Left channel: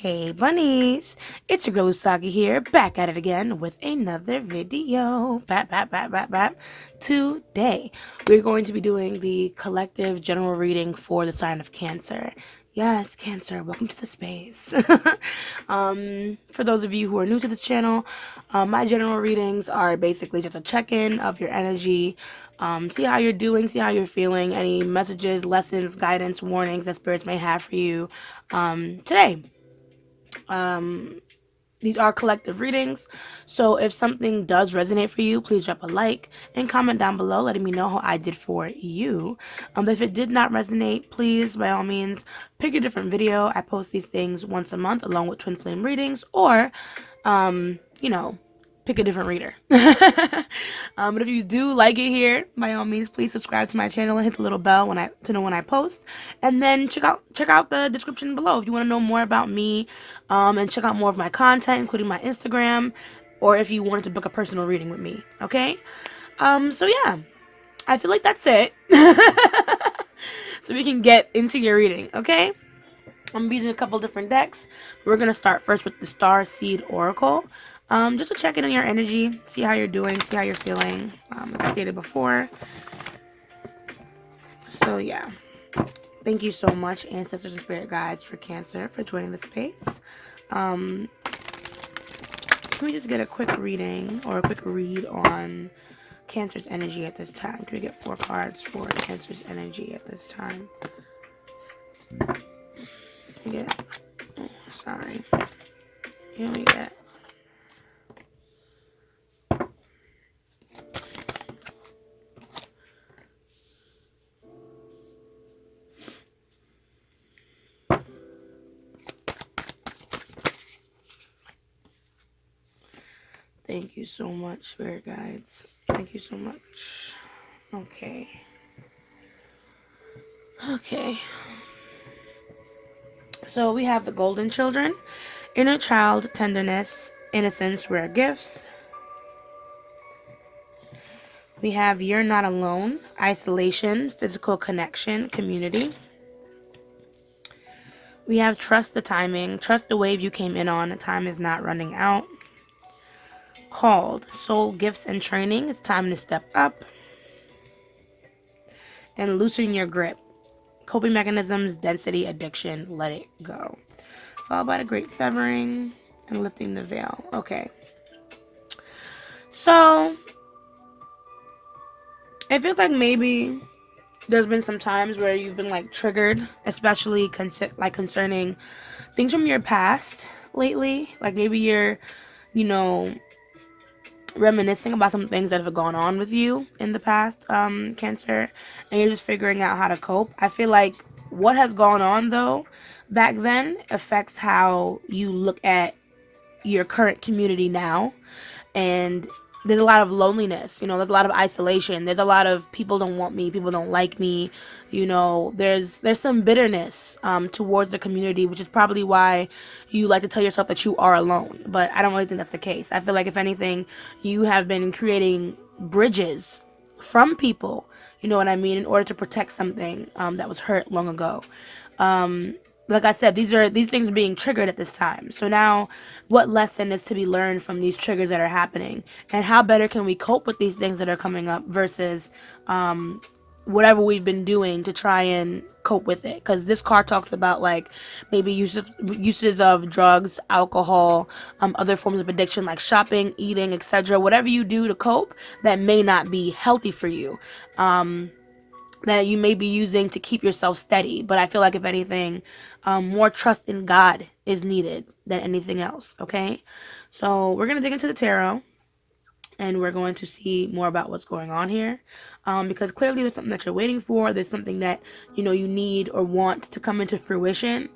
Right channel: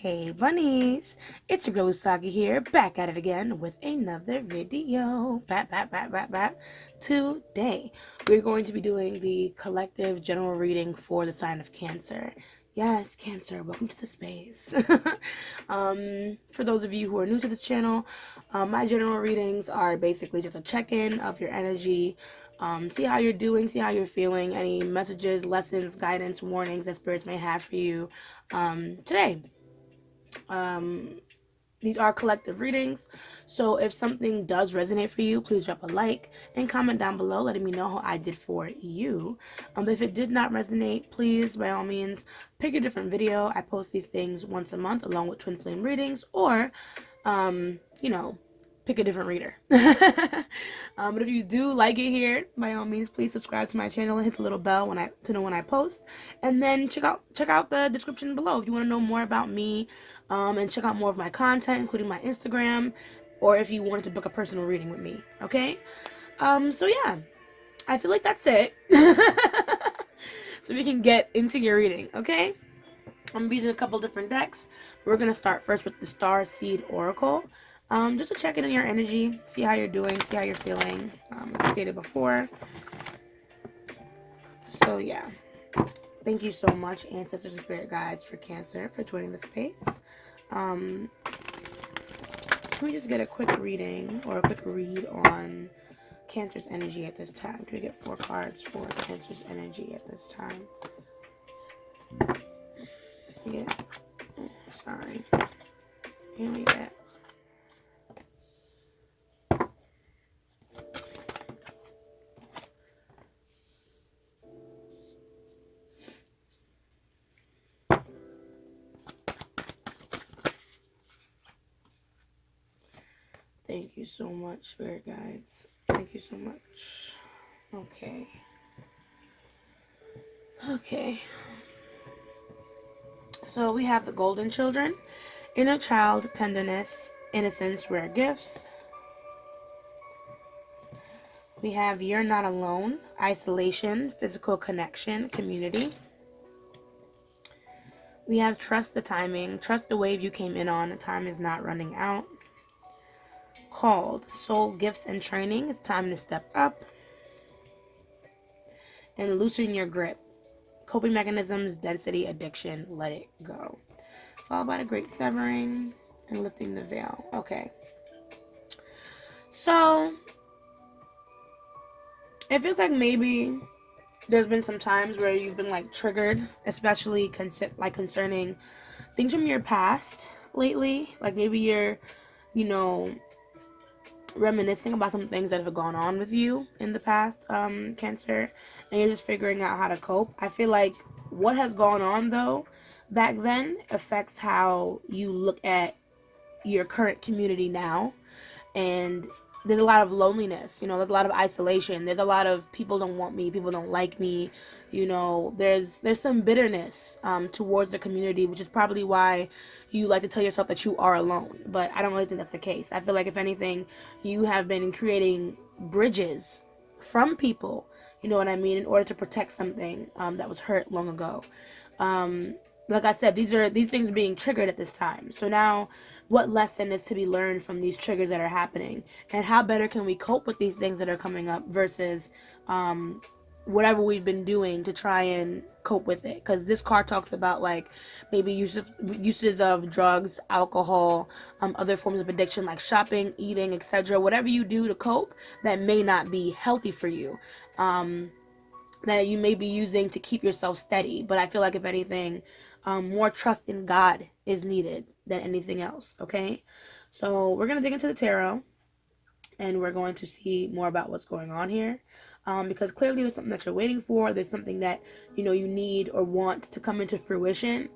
Hey bunnies, it's your girl Usagi here, back at it again with another video. Today, we're going to be doing the collective general reading for the sign of Cancer. Yes, Cancer, welcome to the space. For those of you who are new to this channel, my general readings are basically just a check-in of your energy, see how you're doing, see how you're feeling, any messages, lessons, guidance, warnings that spirits may have for you today. These are collective readings, so if something does resonate for you, please drop a like and comment down below letting me know how I did for you. If it did not resonate, please by all means pick a different video. I post these things once a month along with twin flame readings, or pick a different reader. But if you do like it here, by all means, please subscribe to my channel and hit the little bell to know when I post. And then check out the description below if you want to know more about me, and check out more of my content, including my Instagram, or if you wanted to book a personal reading with me. Okay. So yeah, I feel like that's it. So we can get into your reading. Okay. I'm using a couple different decks. We're going to start first with the Star Seed Oracle. Just to check in on your energy, see how you're doing, see how you're feeling, like I stated before. So yeah, thank you so much, ancestors and spirit guides for Cancer, for joining the space. Let me just get a quick reading, or a quick read on Cancer's energy at this time. Can we get 4 cards for Cancer's energy at this time? Sorry. Here we get. Thank you so much, spirit guides. Thank you so much. Okay. So we have the Golden Children, inner child, tenderness, innocence, rare gifts. We have You're Not Alone, isolation, physical connection, community. We have Trust the Timing, trust the wave you came in on, time is not running out. Called, soul gifts and training, it's time to step up. And loosen your grip, coping mechanisms, density, addiction, let it go. Followed by the Great Severing and lifting the veil. Okay. So it feels like maybe there's been some times where you've been like triggered, especially concerning things from your past lately. Like maybe you're, reminiscing about some things that have gone on with you in the past, Cancer, and you're just figuring out how to cope. I feel like what has gone on though back then affects how you look at your current community now, and there's a lot of loneliness, there's a lot of isolation, there's a lot of people don't want me, people don't like me, there's some bitterness towards the community, which is probably why you like to tell yourself that you are alone, but I don't really think that's the case. I feel like if anything, you have been creating bridges from people, you know what I mean, in order to protect something that was hurt long ago. Like I said, these things are being triggered at this time. So now what lesson is to be learned from these triggers that are happening, and how better can we cope with these things that are coming up versus whatever we've been doing to try and cope with it. Because this card talks about like maybe uses of drugs, alcohol, other forms of addiction like shopping, eating, etc. Whatever you do to cope that may not be healthy for you, that you may be using to keep yourself steady. But I feel like if anything, more trust in God is needed than anything else. Okay, so we're gonna dig into the tarot, and we're going to see more about what's going on here, because clearly there's something that you're waiting for. There's something that you need or want to come into fruition,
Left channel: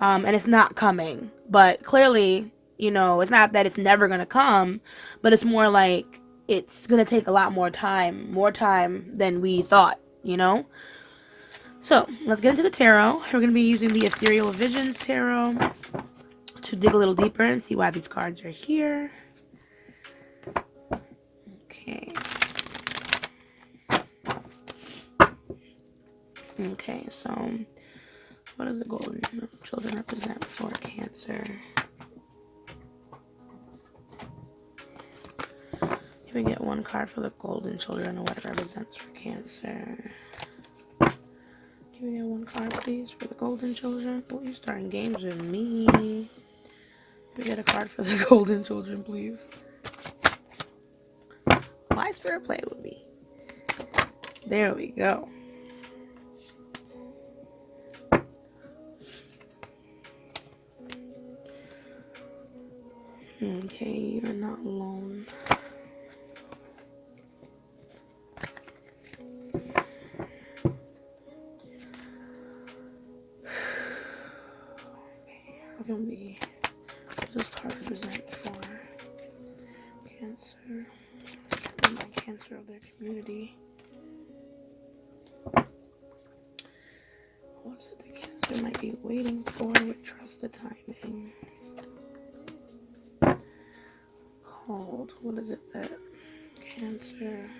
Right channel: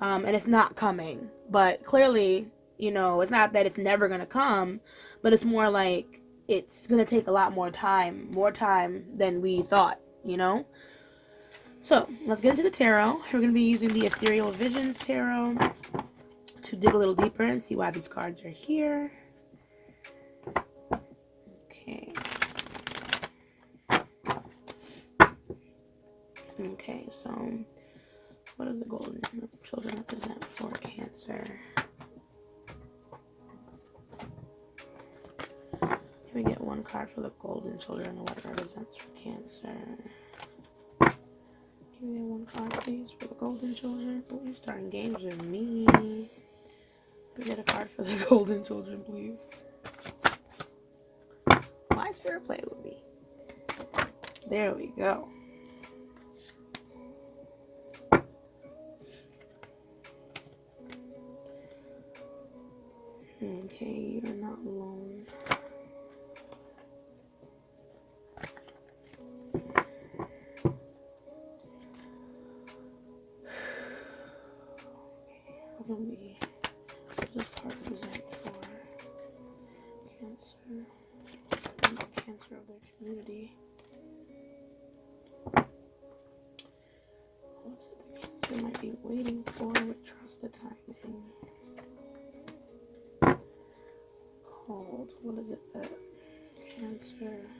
and it's not coming. But clearly, it's not that it's never gonna come, but it's more like it's gonna take a lot more time than we thought. So let's get into the tarot. We're going to be using the Ethereal Visions Tarot to dig a little deeper and see why these cards are here. Okay, so what does the Golden Children represent for Cancer? Cancer. Can we get one card for the golden children and what it represents for Cancer? Can we get one card, please, for the golden children? Oh, you're starting games with me. Can we get a card for the golden children, please? Why is Spirit playing with me? There we go. Okay, you're not alone. What can we, what does this card represent for Cancer? The Cancer of their community. What is it that Cancer might be waiting for with trust the timing? Called. What is it that Cancer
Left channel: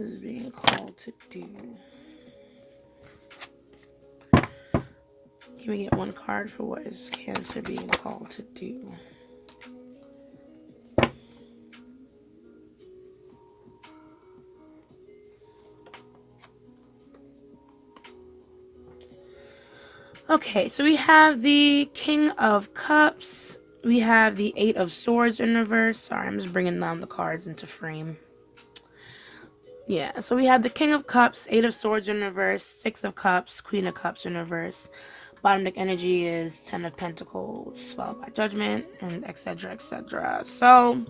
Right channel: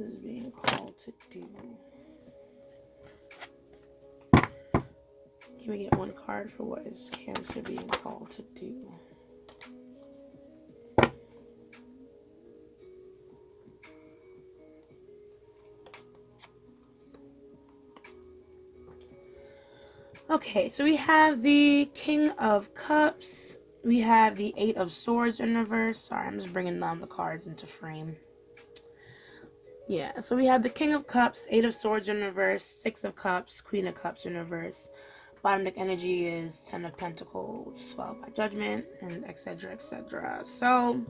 is being called to do? Can we get one card for what is Cancer being called to do? Okay, so we have the King of Cups. We have the Eight of Swords in reverse. Sorry, I'm just bringing down the cards into frame. Yeah, so we have the King of Cups, Eight of Swords in reverse, Six of Cups, Queen of Cups in reverse. Bottom deck energy is Ten of Pentacles, followed by Judgment, and etc., etc. So,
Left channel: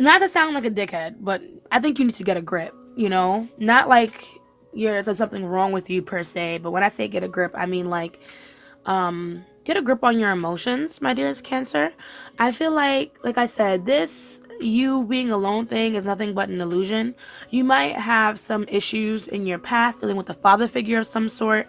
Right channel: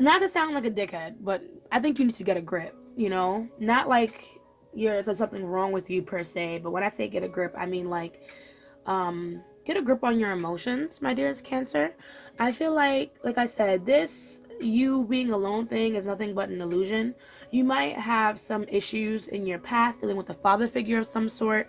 not to sound like a dickhead, but I think you need to get a grip, you know? Not like there's something wrong with you per se, but when I say get a grip, I mean like, get a grip on your emotions, my dearest Cancer. I feel like I said, this you being alone thing is nothing but an illusion. You might have some issues in your past dealing with a father figure of some sort.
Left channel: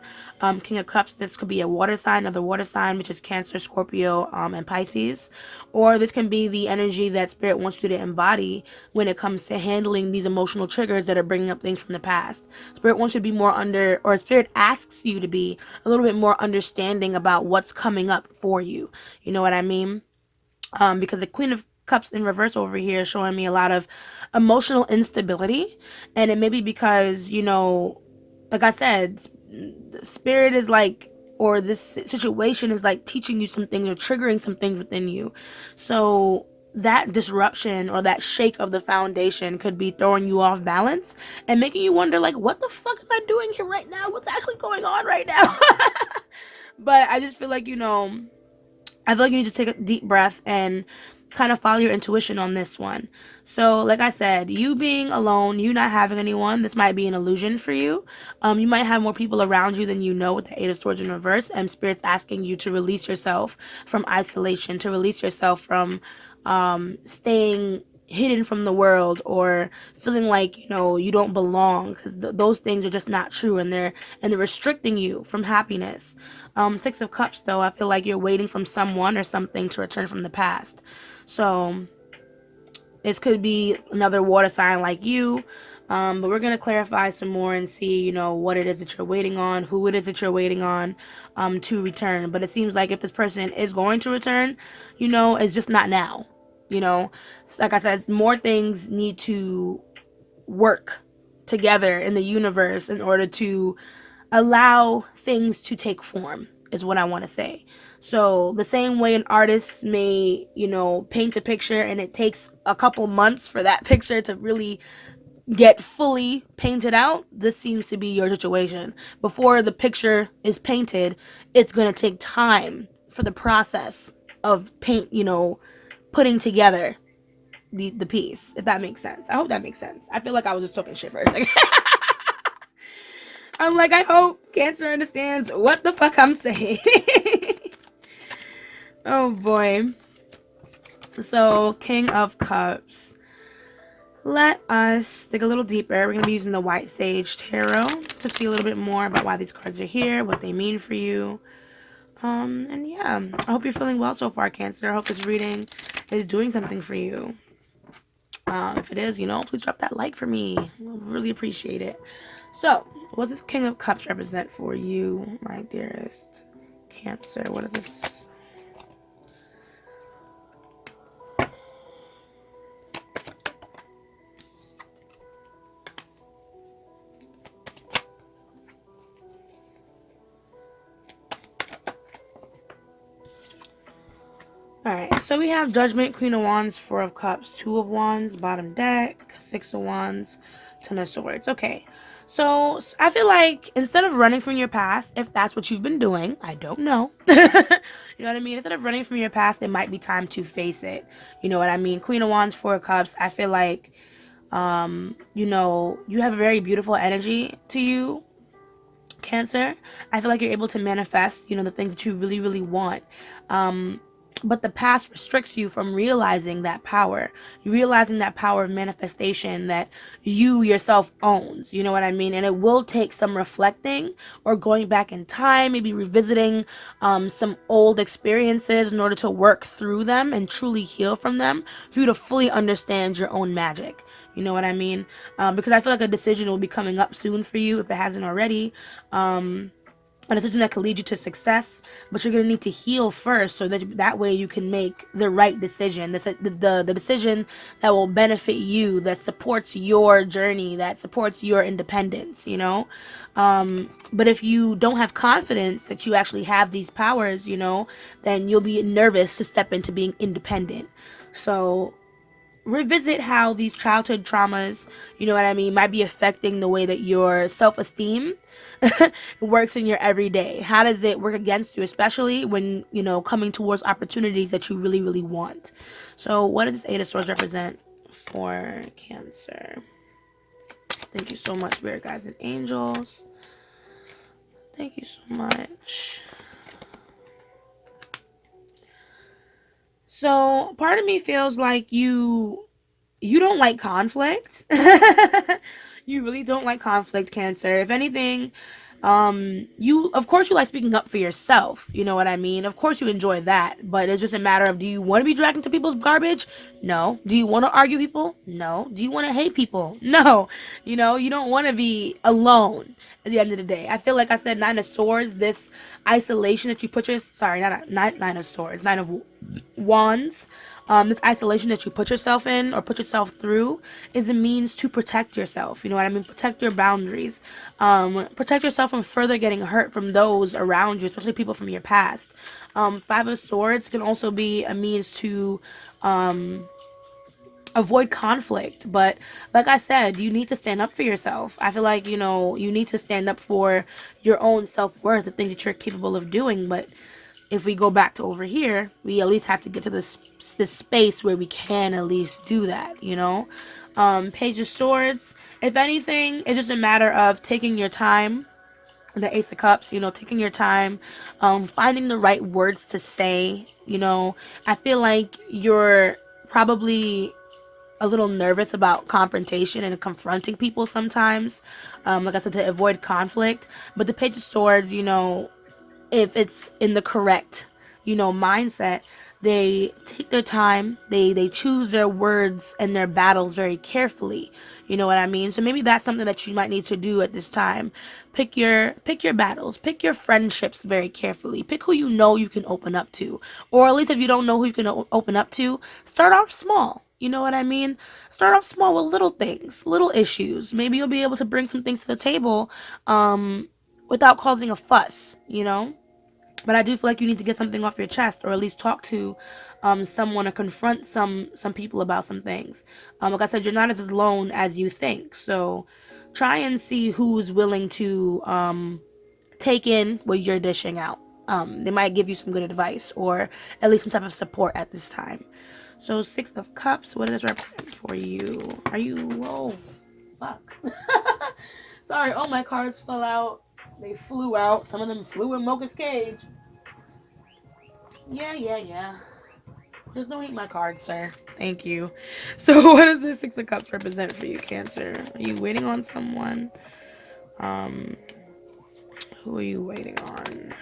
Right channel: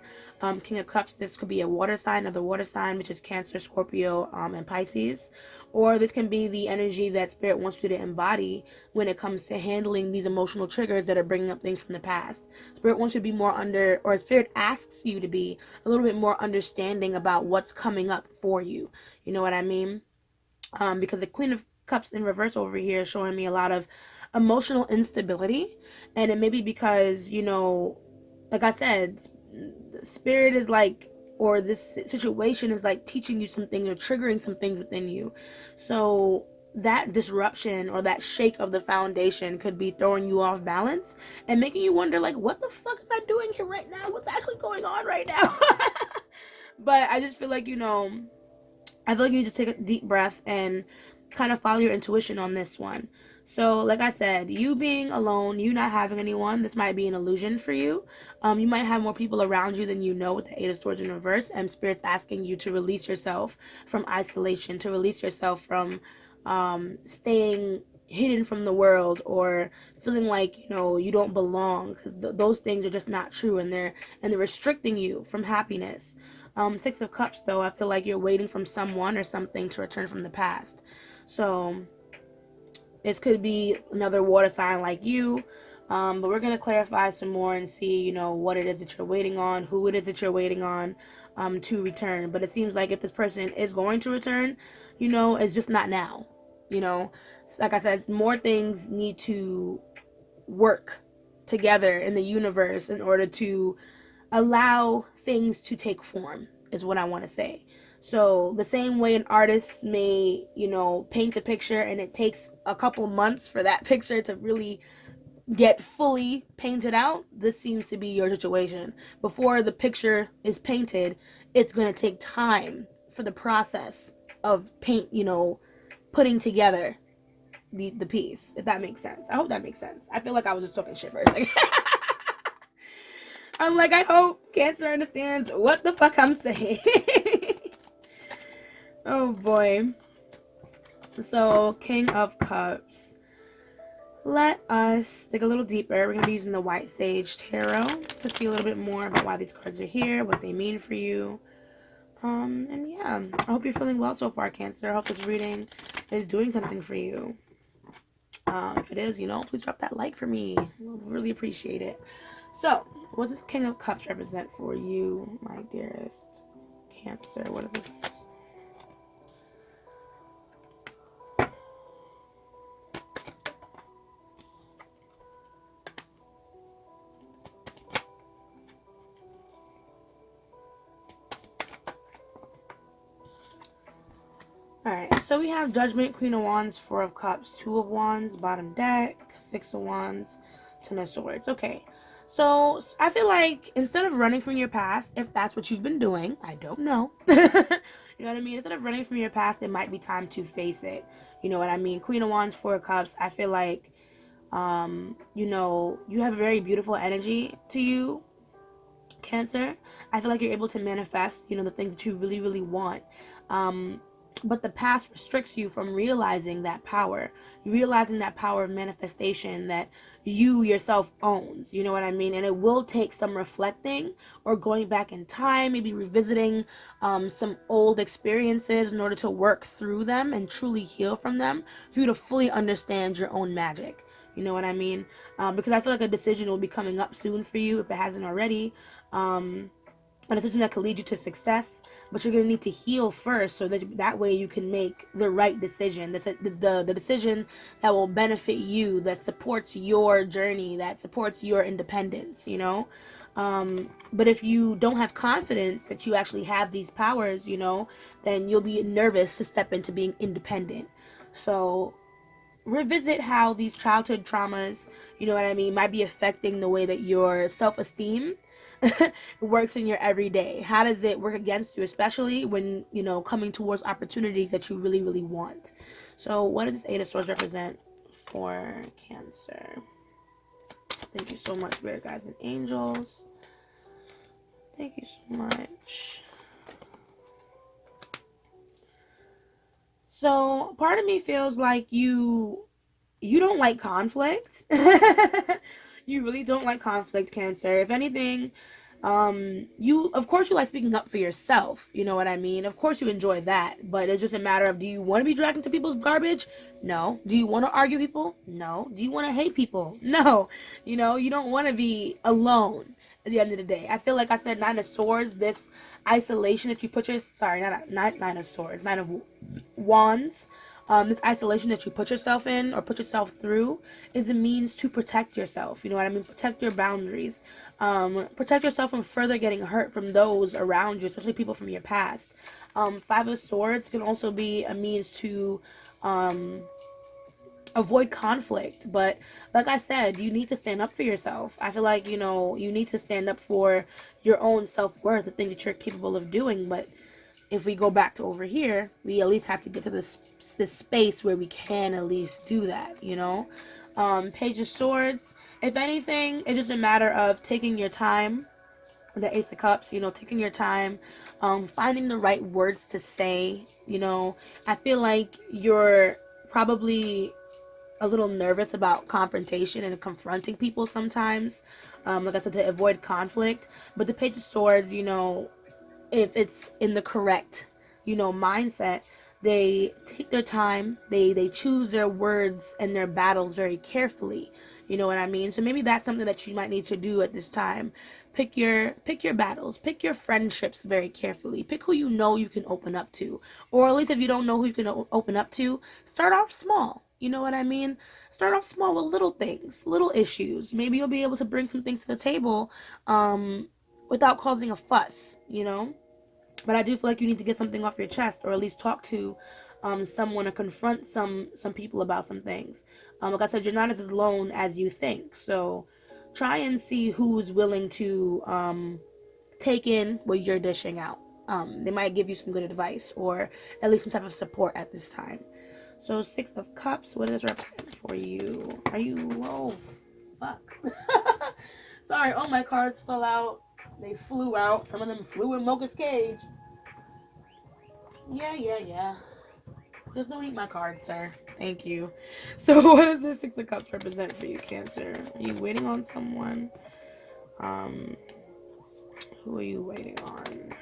King of Cups, this could be a water sign, another water sign, which is Cancer, Scorpio, and Pisces. Or this can be the energy that Spirit wants you to embody when it comes to handling these emotional triggers that are bringing up things from the past. Spirit wants you to be more Spirit asks you to be a little bit more understanding about what's coming up for you. You know what I mean? Because the Queen of Cups in reverse over here is showing me a lot of emotional instability, and it may be because, you know, like I said, Spirit is like, or this situation is like teaching you some things or triggering some things within you. So that disruption or that shake of the foundation could be throwing you off balance and making you wonder, like, what the fuck am I doing here right now? What's actually going on right now? But I just feel like, you know, I feel like you need to take a deep breath and kind of follow your intuition on this one. So, like I said, you being alone, you not having anyone, this might be an illusion for you. You might have more people around you than you know with the Eight of Swords in reverse, and Spirit's asking you to release yourself from isolation, to release yourself from staying hidden from the world or feeling like, you know, you don't belong, because those things are just not true, and they're restricting you from happiness. Six of Cups, though, I feel like you're waiting from someone or something to return from the past. So this could be another water sign like you, but we're going to clarify some more and see, you know, what it is that you're waiting on, who it is that you're waiting on to return. But it seems like if this person is going to return, you know, it's just not now. You know, like I said, more things need to work together in the universe in order to allow things to take form, is what I want to say. So the same way an artist may, you know, paint a picture and it takes a couple months for that picture to really get fully painted out, this seems to be your situation. Before the picture is painted, it's going to take time for the process of paint, you know, putting together the piece, if that makes sense. I hope that makes sense. I feel like I was just talking shit for a second. I'm like, I hope Cancer understands what the fuck I'm saying. Oh boy. So, King of Cups. Let us dig a little deeper. We're going to be using the White Sage Tarot to see a little bit more about why these cards are here, what they mean for you. And yeah, I hope you're feeling well so far, Cancer. I hope this reading is doing something for you. If it is, you know, please drop that like for me. I really appreciate it. So, what does King of Cups represent for you, my dearest Cancer, what is this? Alright, so we have Judgment, Queen of Wands, Four of Cups, Two of Wands, bottom deck, Six of Wands, Ten of Swords. Okay, so I feel like instead of running from your past, if that's what you've been doing, I don't know. You know what I mean? Instead of running from your past, it might be time to face it. You know what I mean? Queen of Wands, Four of Cups, I feel like, you know, you have a very beautiful energy to you, Cancer. I feel like you're able to manifest, you know, the things that you really, really want. But the past restricts you from realizing that power, realizing that power of manifestation that you yourself owns. You know what I mean? And it will take some reflecting or going back in time, maybe revisiting some old experiences in order to work through them and truly heal from them for you to fully understand your own magic. You know what I mean? Because I feel like a decision will be coming up soon for you if it hasn't already. A decision that could lead you to success, but you're going to need to heal first so that way you can make the right decision, the decision that will benefit you, that supports your journey, that supports your independence, you know. But if you don't have confidence that you actually have these powers, you know, then you'll be nervous to step into being independent. So revisit how these childhood traumas, you know what I mean, might be affecting the way that your self-esteem works in your everyday. How does it work against you, especially when, you know, coming towards opportunities that you really, really want? So what does this Eight of Swords represent for Cancer? Thank you so much, Spirit Guides and Angels. Thank you so much. So part of me feels like you don't like conflict. You really don't like conflict, Cancer. If anything, you, of course, you like speaking up for yourself. You know what I mean? Of course you enjoy that, but it's just a matter of, do you want to be dragged into people's garbage? No. Do you want to argue people? No. Do you want to hate people? No. You know, you don't want to be alone at the end of the day. I feel like I said Nine of Swords, this isolation that you put your, sorry, not Nine of Swords, Nine of Wands. This isolation that you put yourself in or put yourself through is a means to protect yourself. You know what I mean? Protect your boundaries. Protect yourself from further getting hurt from those around you, especially people from your past. Five of Swords can also be a means to avoid conflict. But like I said, you need to stand up for yourself. I feel like, you know, you need to stand up for your own self-worth, the thing that you're capable of doing. But if we go back to over here, we at least have to get to this space where we can at least do that, you know. Page of Swords, if anything, it's just a matter of taking your time. The Ace of Cups, you know, taking your time, finding the right words to say. You know, I feel like you're probably a little nervous about confrontation and confronting people sometimes, like I said, to avoid conflict. But the Page of Swords, you know, if it's in the correct, you know, mindset, they take their time, they choose their words and their battles very carefully. You know what I mean? So maybe that's something that you might need to do at this time. Pick your battles, pick your friendships very carefully, pick who you know you can open up to, or at least if you don't know who you can open up to, start off small. You know what I mean? Start off small with little things, little issues. Maybe you'll be able to bring some things to the table without causing a fuss, you know? But I do feel like you need to get something off your chest, or at least talk to someone, or confront some people about some things. Like I said, you're not as alone as you think. So try and see who's willing to take in what you're dishing out. They might give you some good advice, or at least some type of support at this time. So Six of Cups, what does it represent for you? Are you, oh, fuck. Sorry, all my cards fell out. They flew out. Some of them flew in Mocha's cage. Yeah. Just don't eat my cards, sir. Thank you. So what does this Six of Cups represent for you, Cancer? Are you waiting on someone? Who are you waiting on?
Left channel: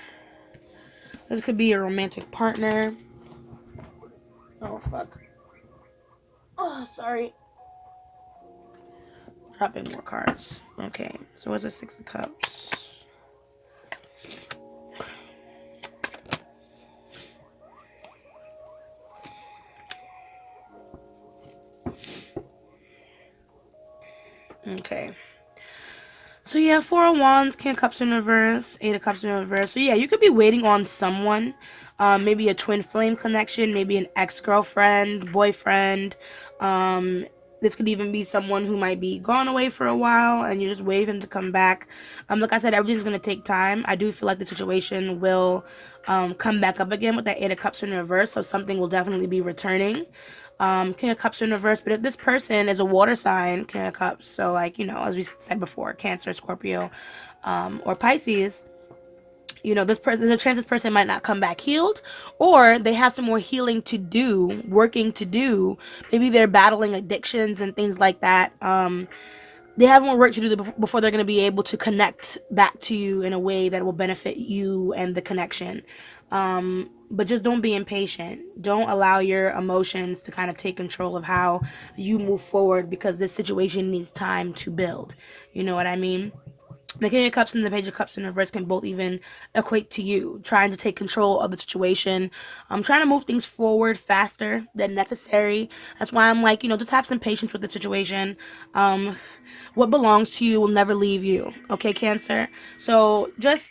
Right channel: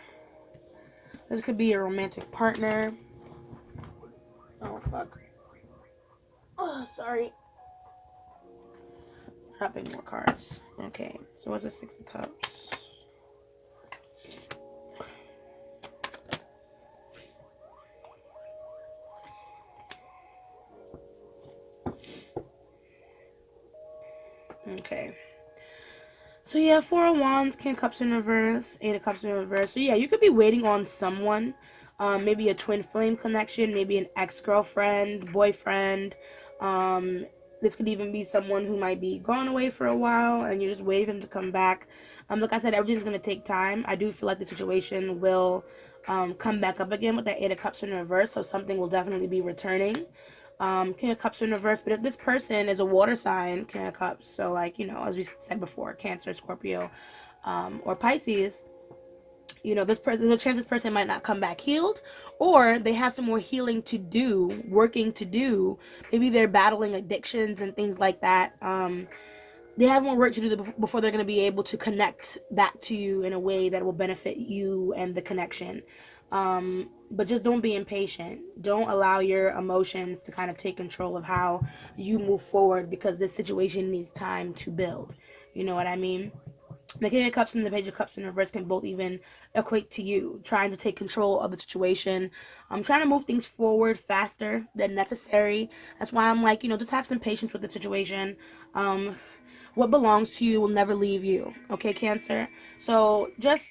This could be a romantic partner. Oh, fuck. Oh, sorry. Dropping more cards. Okay, so what's the Six of Cups? Okay. So yeah, Four of Wands, King of Cups in reverse, Eight of Cups in reverse. So yeah, you could be waiting on someone, maybe a twin flame connection, maybe an ex-girlfriend, boyfriend. Um, this could even be someone who might be gone away for a while, and you're just waiting to come back. Like I said, everything's gonna take time. I do feel like the situation will come back up again with that Eight of Cups in reverse. So something will definitely be returning. King of Cups in reverse, but if this person is a water sign, King of Cups, so like, you know, as we said before, Cancer, Scorpio, or Pisces, you know, this person, there's a chance this person might not come back healed, or they have some more healing to do, working to do. Maybe they're battling addictions and things like that. They have more work to do before they're going to be able to connect back to you in a way that will benefit you and the connection. But just don't be impatient. Don't allow your emotions to kind of take control of how you move forward, because this situation needs time to build. You know what I mean? The King of Cups and the Page of Cups in reverse can both even equate to you trying to take control of the situation. I'm trying to move things forward faster than necessary. That's why I'm like, you know, just have some patience with the situation. What belongs to you will never leave you. Okay, Cancer? So just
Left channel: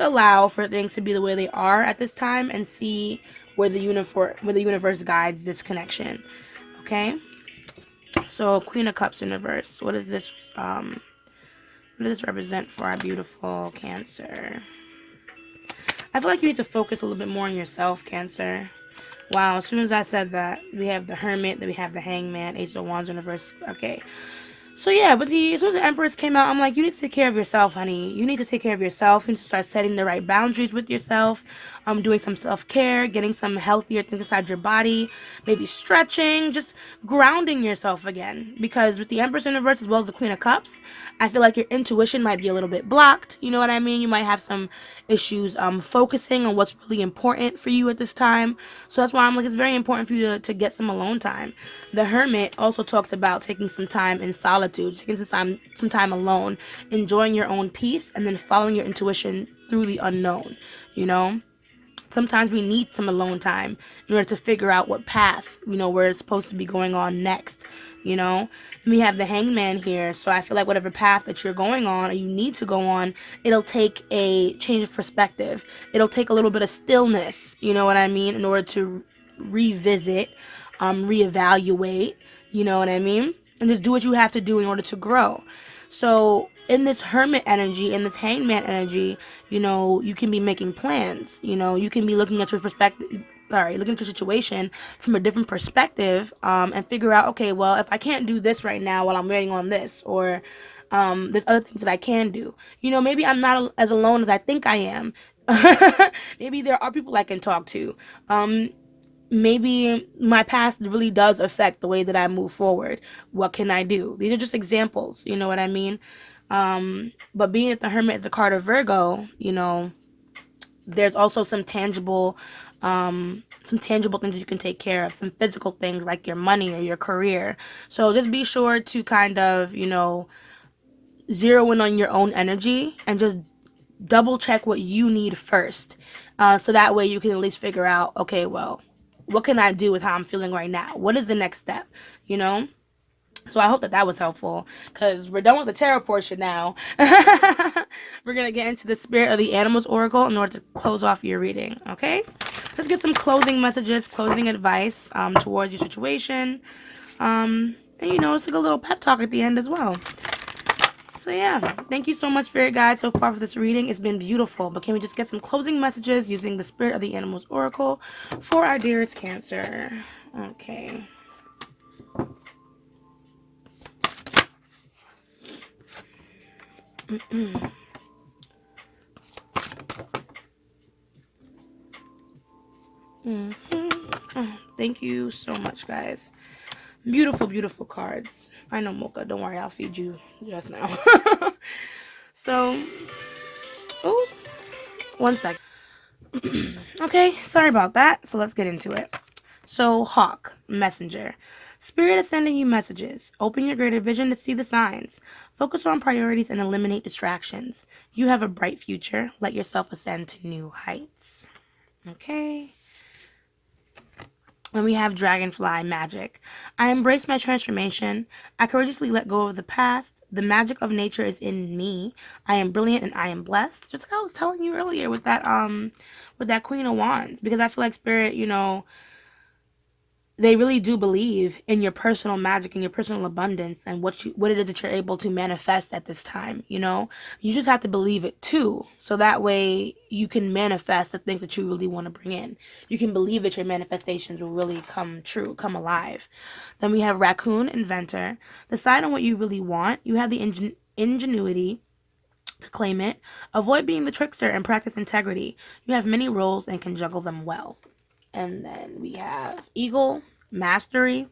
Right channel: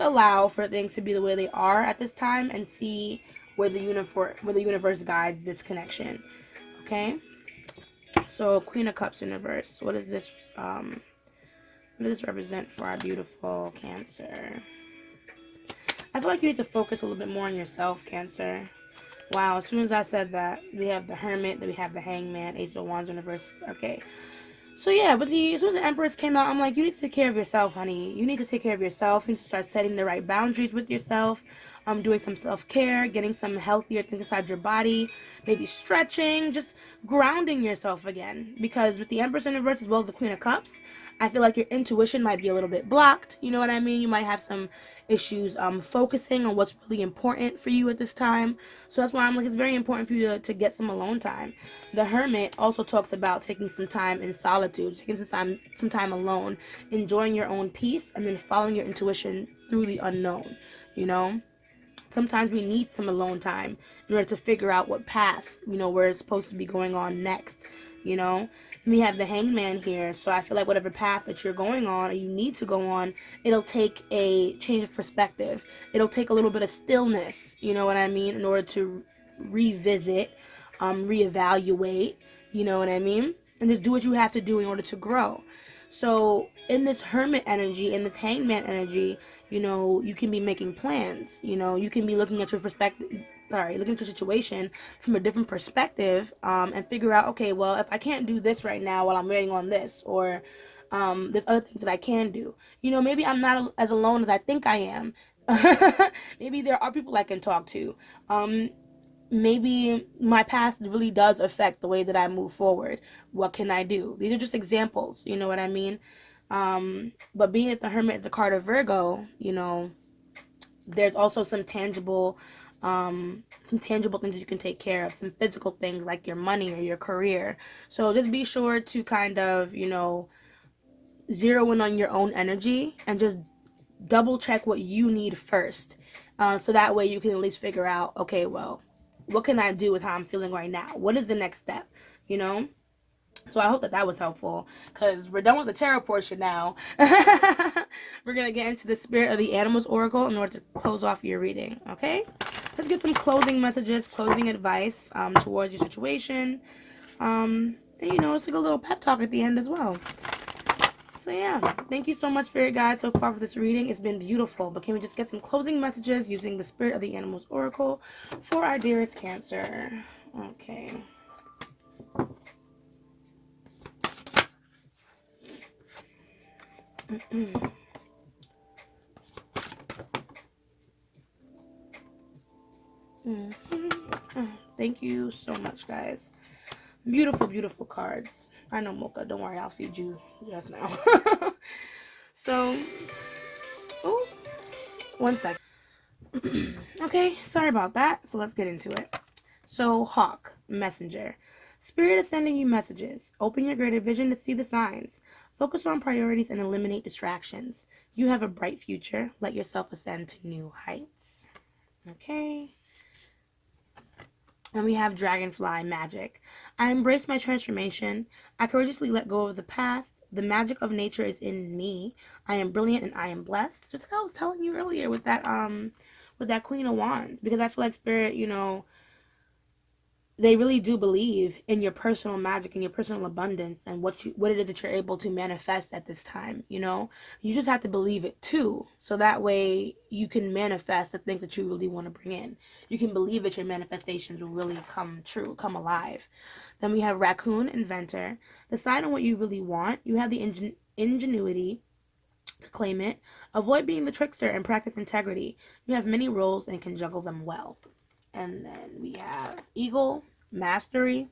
allow for things to be the way they are at this time, and see where the universe guides this connection. Okay? So Queen of Cups in reverse. What is this what does this represent for our beautiful Cancer? I feel like you need to focus a little bit more on yourself, Cancer. Wow, as soon as I said that, we have the Hermit, then we have the Hangman, Ace of Wands in reverse. Okay. So yeah, but as soon as the Empress came out, I'm like, you need to take care of yourself, honey. You need to take care of yourself. You need to start setting the right boundaries with yourself. Doing some self-care, getting some healthier things inside your body, maybe stretching, just grounding yourself again. Because with the Empress in reverse as well as the Queen of Cups, I feel like your intuition might be a little bit blocked. You know what I mean? You might have some issues focusing on what's really important for you at this time. So that's why I'm like, it's very important for you to get some alone time. The Hermit also talks about taking some time in solitude, taking some time alone, enjoying your own peace, and then following your intuition through the unknown. You know, sometimes we need some alone time in order to figure out what path, you know, we're supposed to be going on next. You know, we have the Hangman here, so I feel like whatever path that you're going on or you need to go on, it'll take a change of perspective. It'll take a little bit of stillness, you know what I mean, in order to revisit, reevaluate, you know what I mean, and just do what you have to do in order to grow. So in this Hermit energy, in this Hangman energy, you know, you can be making plans. You know, you can be looking at your looking at your situation from a different perspective, and figure out, okay, well, if I can't do this right now while I'm waiting on this, or there's other things that I can do. You know, maybe I'm not as alone as I think I am. Maybe there are people I can talk to. Maybe my past really does affect the way that I move forward. What can I do? These are just examples, you know what I mean? But being that the Hermit is the card of Virgo, you know, there's also some tangible things you can take care of, some physical things like your money or your career. So just be sure to kind of, you know, zero in on your own energy and just double check what you need first. So that way you can at least figure out, okay, well, what can I do with how I'm feeling right now? What is the next step? You know? So I hope that that was helpful, because we're done with the tarot portion now. We're going to get into the Spirit of the Animals Oracle in order to close off your reading, okay? Let's get some closing messages, closing advice towards your situation. And, you know, it's like a little pep talk at the end as well. So yeah, thank you so much, Spirit Guide, so far for this reading. It's been beautiful, but can we just get some closing messages using the Spirit of the Animals Oracle for our dearest Cancer? Okay. Thank you so much, guys. Beautiful, beautiful cards. I know, Mocha. Don't worry, I'll feed you just now. So, oh, 1 second. Okay, sorry about that. So let's get into it. So, Hawk, Messenger. Spirit is sending you messages. Open your greater vision to see the signs. Focus on priorities and eliminate distractions. You have a bright future. Let yourself ascend to new heights. Okay. And we have Dragonfly magic. I embrace my transformation. I courageously let go of the past. The magic of nature is in me. I am brilliant and I am blessed. Just like I was telling you earlier with that Queen of Wands. Because I feel like spirit, you know, they really do believe in your personal magic and your personal abundance and what it is that you're able to manifest at this time. You know, you just have to believe it too, so that way you can manifest the things that you really want to bring in. You can believe that your manifestations will really come true, come alive. Then we have Raccoon Inventor. Decide on what you really want. You have the ingenuity to claim it. Avoid being the trickster and practice integrity. You have many roles and can juggle them well. And then we have Eagle, Mastery.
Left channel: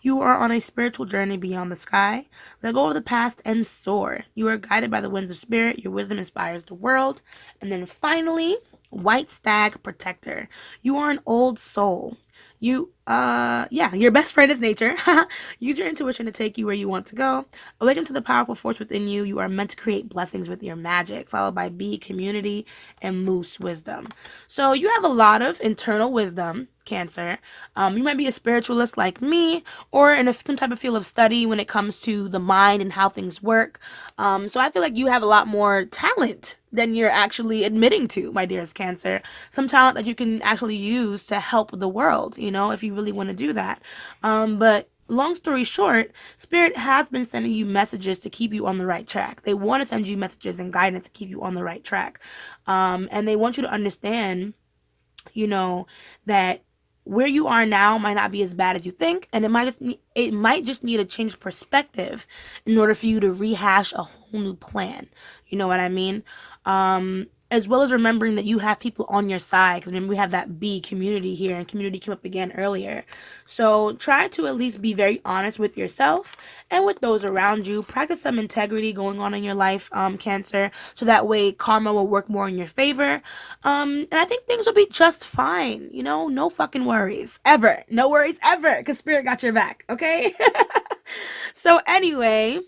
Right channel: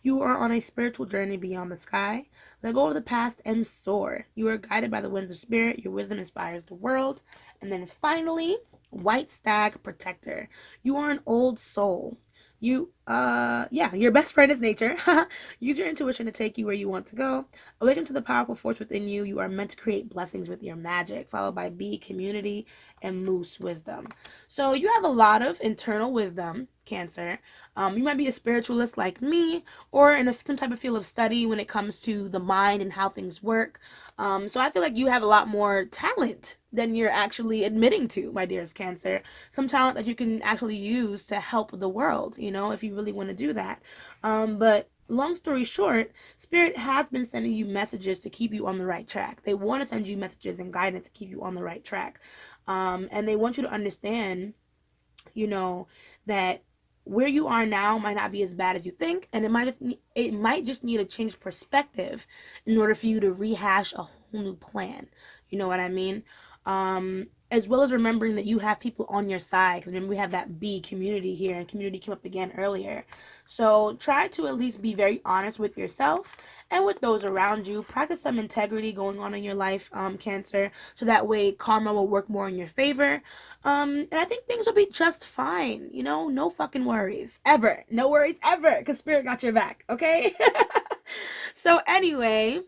You are on a spiritual journey beyond the sky. Let go of the past and soar. You are guided by the winds of spirit. Your wisdom inspires the world. And then finally, White Stag Protector. You are an old soul. Yeah, your best friend is nature. Use your intuition to take you where you want to go. Awaken to the powerful force within you. You are meant to create blessings with your magic, followed by B, community, and Moose, wisdom. So you have a lot of internal wisdom, Cancer. You might be a spiritualist like me, or in some type of field of study when it comes to the mind and how things work. So I feel like you have a lot more talent than you're actually admitting to, my dearest Cancer. Some talent that you can actually use to help the world, you know, if you really want to do that. But long story short, Spirit has been sending you messages to keep you on the right track. They want to send you messages and guidance to keep you on the right track. And they want you to understand, you know, that where you are now might not be as bad as you think, and it might just need a change perspective in order for you to rehash a whole new plan. You know what I mean? As well as remembering that you have people on your side, because remember we have that B, community, here, and community came up again earlier. So try to at least be very honest with yourself and with those around you. Practice some integrity going on in your life, Cancer, so that way karma will work more in your favor. And I think things will be just fine. You know, no fucking worries ever. No worries ever, because Spirit got your back. Okay. So anyway,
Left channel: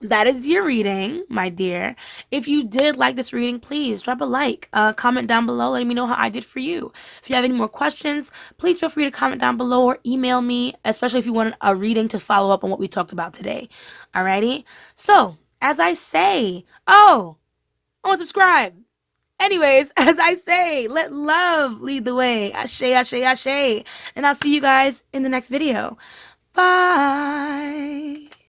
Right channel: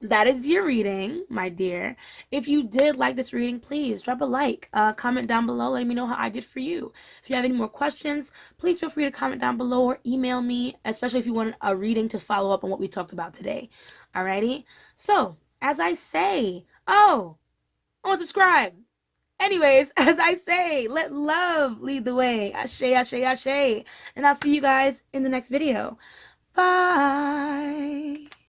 that is your reading, my dear. If you did like this reading, please drop a like, comment down below, letting me know how I did for you. If you have any more questions, please feel free to comment down below or email me, especially if you want a reading to follow up on what we talked about today. Alrighty? So, as I say, oh, I want to subscribe. Anyways, as I say, let love lead the way. Ashe, ashe, ashe. And I'll see you guys in the next video. Bye.